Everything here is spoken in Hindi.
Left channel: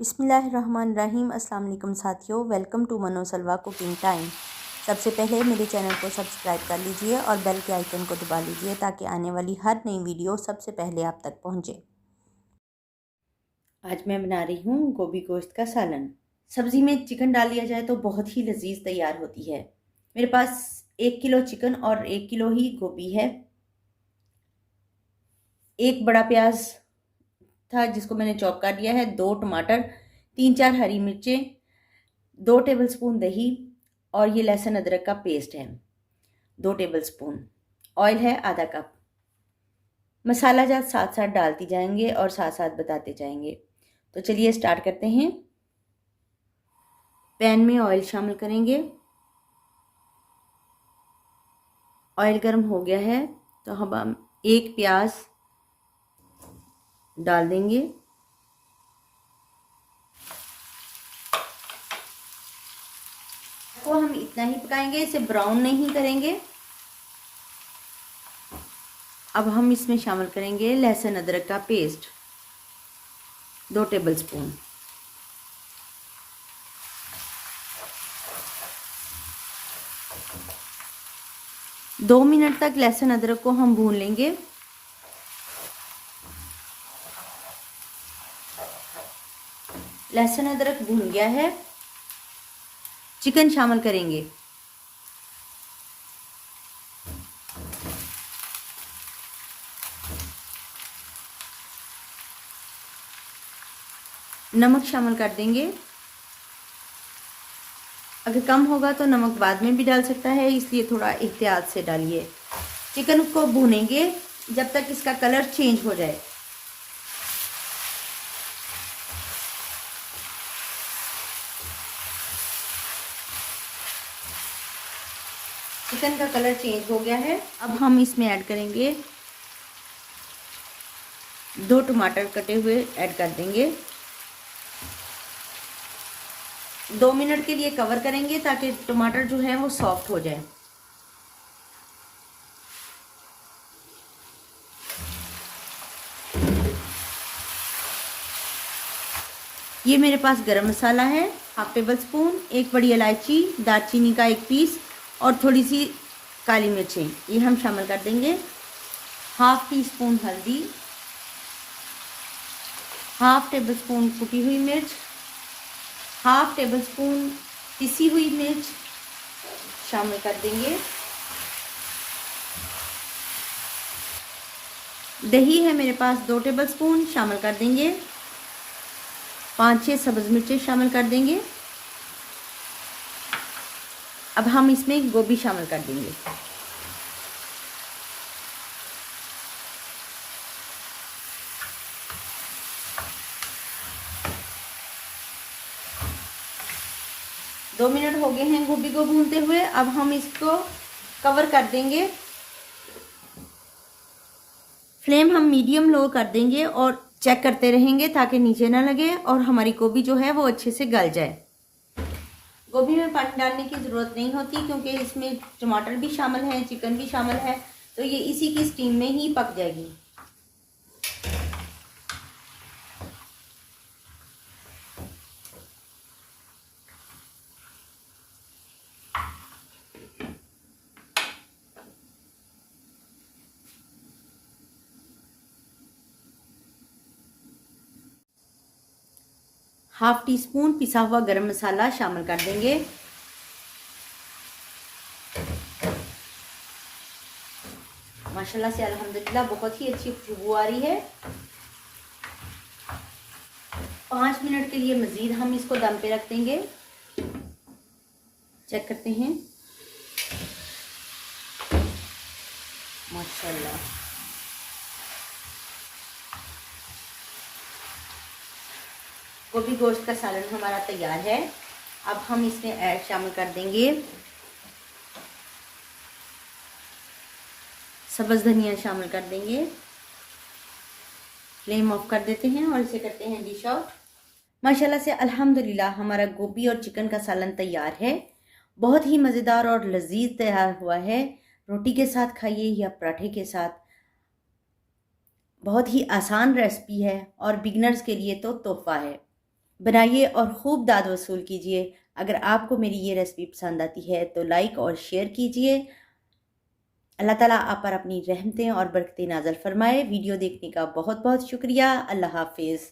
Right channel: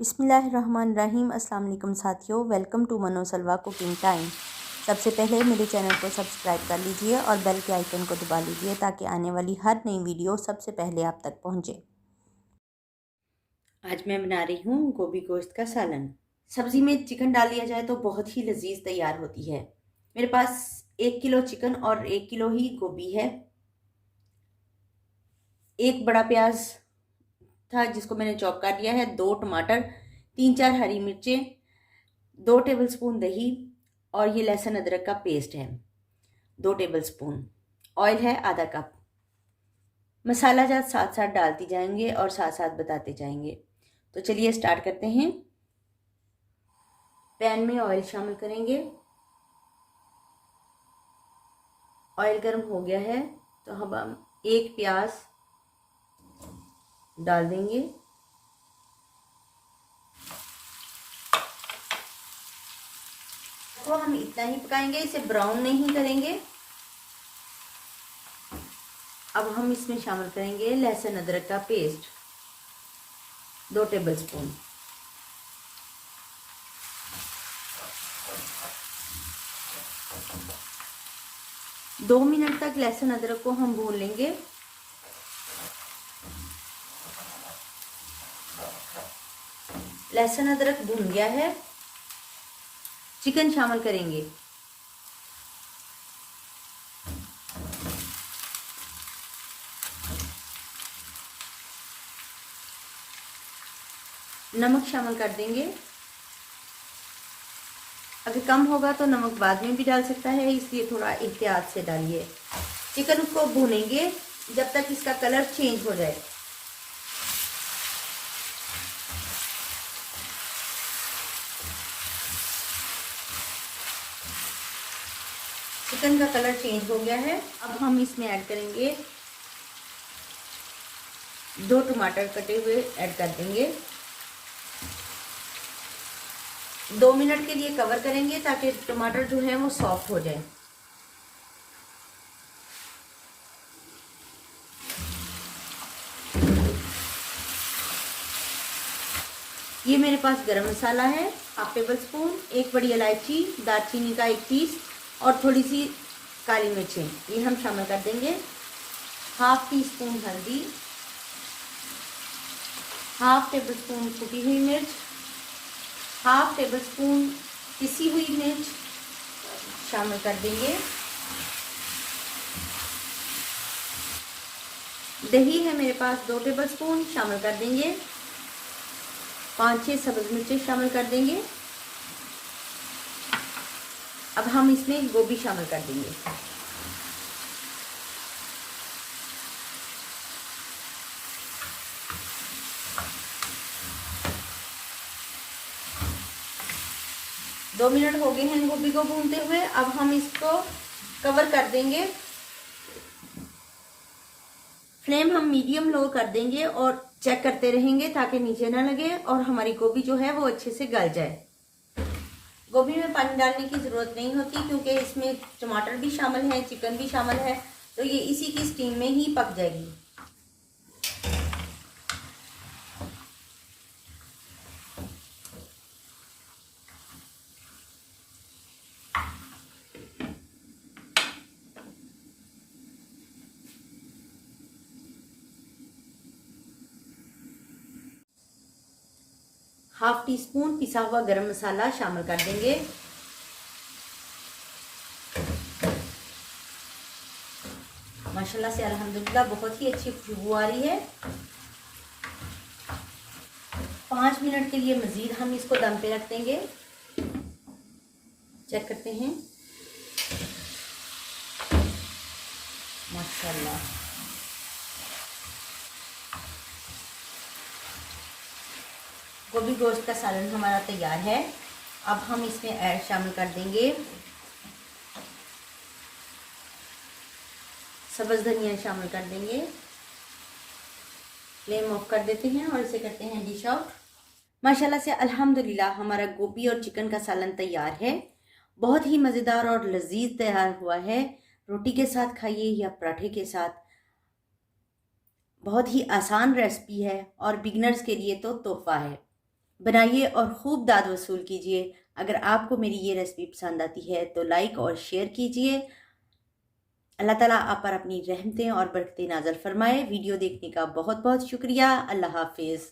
बिस्मिल्लाहिर्रहमानिर्रहीम। अस्सलाम वालेकुम साथियों, वेलकम टू मनो सलवा कुकिंग टाइम। सबसे पहले मेरे चैनल को सब्सक्राइब कर लीजिए और बेल के आइकन को दबा लीजिए ताकि आने वाली हर नई वीडियो सबसे पहले आप तक पहुंचे। आज मैं बना रही हूँ गोभी गोश्त का सालन। सब्ज़ी में चिकन डाल लिया जाए तो बहुत ही लजीज तैयार होती है। मेरे पास 1 किलो चिकन और 1 किलो ही गोभी है। एक बड़ा प्याज था जिसको मैंने चॉप कर लिया है, 2 टमाटर, 3-4 हरी मिर्चें, 2 टेबलस्पून दही और ये लहसुन अदरक का पेस्ट है 2 टेबलस्पून। ऑयल है आधा कप। मसाला जात साथ साथ डालती जाएंगे और साथ साथ बताते जाएंगे। तो चलिए स्टार्ट करते हैं। पैन में ऑयल शामिल करेंगे। ऑयल गर्म हो गया है तो हम एक प्याज डाल देंगे। को हम इतना ही पकाएंगे, इसे ब्राउन नहीं करेंगे। अब हम इसमें शामिल करेंगे लहसुन अदरक का पेस्ट 2 टेबलस्पून। दो मिनट तक लहसुन अदरक को हम भून लेंगे। लहसुन अदरक भून गया है। चिकन शामिल करेंगे। नमक शामिल कर देंगे। अगर कम होगा तो नमक बाद में भी डाल सकता है, इसलिए थोड़ा एहतियात से डालिए। चिकन को भूनेंगे जब तक इसका कलर चेंज हो जाए। चिकन का कलर चेंज हो गया है। अब हम इसमें ऐड करेंगे 2 टमाटर कटे हुए ऐड कर देंगे। 2 मिनट के लिए कवर करेंगे ताकि टमाटर जो है वो सॉफ्ट हो जाए। ये मेरे पास गरम मसाला है हाफ टेबल स्पून, 1 बड़ी इलायची, दालचीनी का 1 पीस और थोड़ी सी काली मिर्चें, ये हम शामिल कर देंगे। हाफ टी स्पून हल्दी, हाफ टेबल स्पून कुटी हुई मिर्च, हाफ टेबल स्पून पिसी हुई मिर्च शामिल कर देंगे। दही है मेरे पास 2 टेबल स्पून शामिल कर देंगे। 5-6 सब्ज मिर्चें शामिल कर देंगे। अब हम इसमें गोभी शामिल कर देंगे। दो मिनट हो गए हैं गोभी को भूनते हुए। अब हम इसको कवर कर देंगे। फ्लेम हम मीडियम लो कर देंगे और चेक करते रहेंगे ताकि नीचे ना लगे और हमारी गोभी जो है वो अच्छे से गल जाए। गोभी में पानी डालने की जरूरत नहीं होती क्योंकि इसमें टमाटर भी शामिल है, चिकन भी शामिल है, तो ये इसी की स्टीम में ही पक जाएगी। हाफ टी स्पून पिसा हुआ गरम मसाला शामिल कर देंगे। माशाल्लाह से अल्हम्दुलिल्लाह बहुत ही अच्छी खुशबू आ रही है। 5 मिनट के लिए मजीद हम इसको दम पे रख देंगे। चेक करते हैं। माशाल्लाह गोभी गोश्त का सालन हमारा तैयार है। अब हम इसमें ऐड शामिल कर देंगे सब्ज धनिया शामिल कर देंगे। फ्लेम ऑफ कर देते हैं और इसे करते हैं डिश आउट। माशाल्लाह से अल्हम्दुलिल्लाह हमारा गोभी और चिकन का सालन तैयार है। बहुत ही मज़ेदार और लजीज तैयार हुआ है। रोटी के साथ खाइए या पराठे के साथ। बहुत ही आसान रेसिपी है और बिगनर्स के लिए तो तोहफा है। बनाइए और खूब दाद वसूल कीजिए। अगर आपको मेरी ये रेसिपी पसंद आती है तो लाइक और शेयर कीजिए। अल्लाह ताला आप पर अपनी रहमतें और बरकतें नाज़िल फरमाए। वीडियो देखने का बहुत बहुत शुक्रिया। अल्लाह हाफिज़।